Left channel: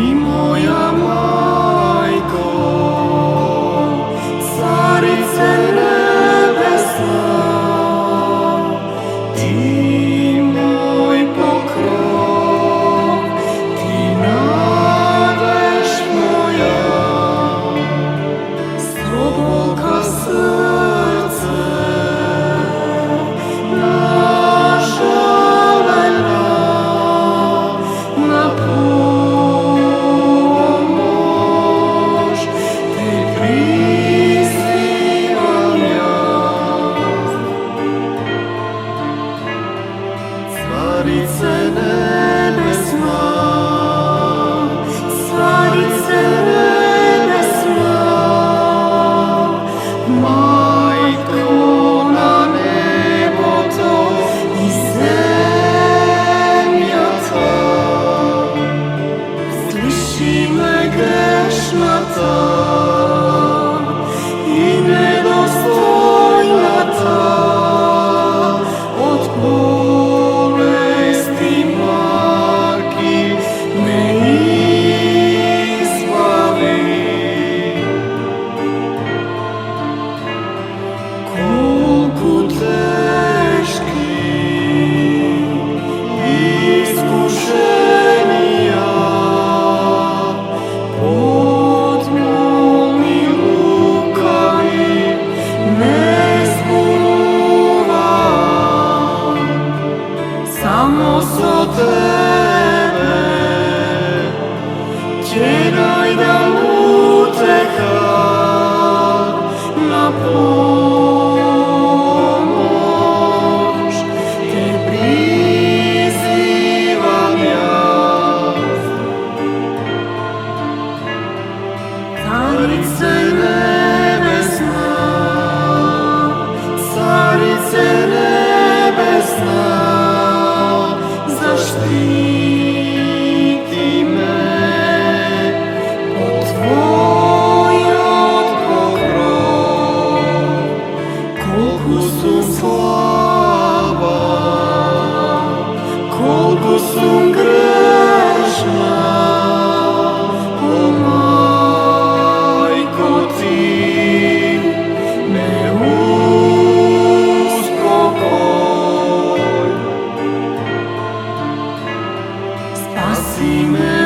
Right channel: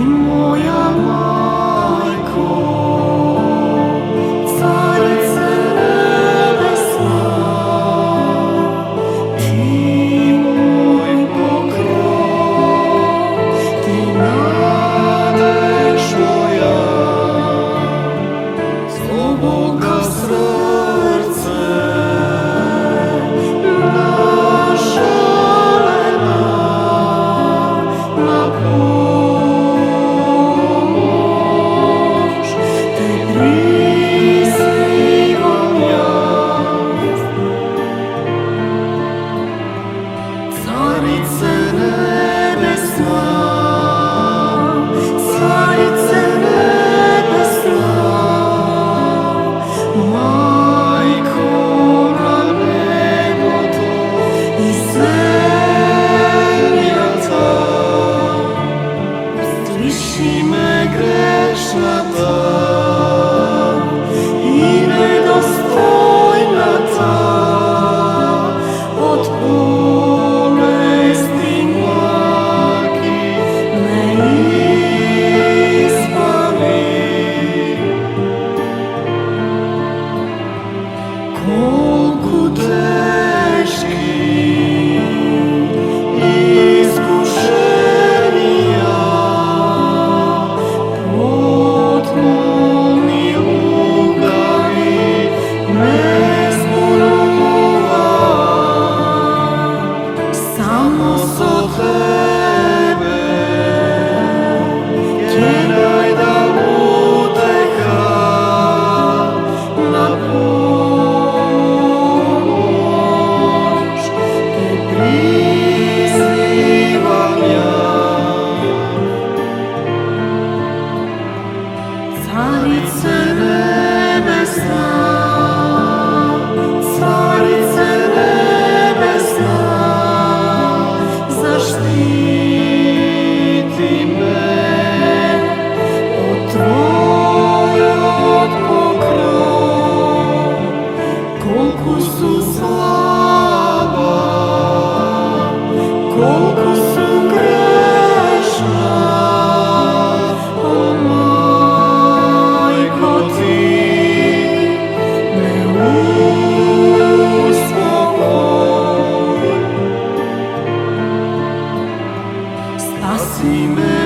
Ti moja majko, carice nebesna, ti moj pokrov, ti nadeš moja, s ovoga srce nažalena na pomoć ti prizivam ja. Carice nebesna, carice nebesna, majko na neboto i zemlja ta, usliši me grešnata i nedostojna ta, od bolesti maki me izbavi. Koliko teški iskušenja pod momi rukami ne zburuva, samo so tebe tjeraj da uteha na pomoć te prizivam ja. Carice nebesna, carice nebesna, zaštiti me od tvojog pokrova. Koliko su slaba, koliko su grešna, o majko ti me uspokoj. Spasi me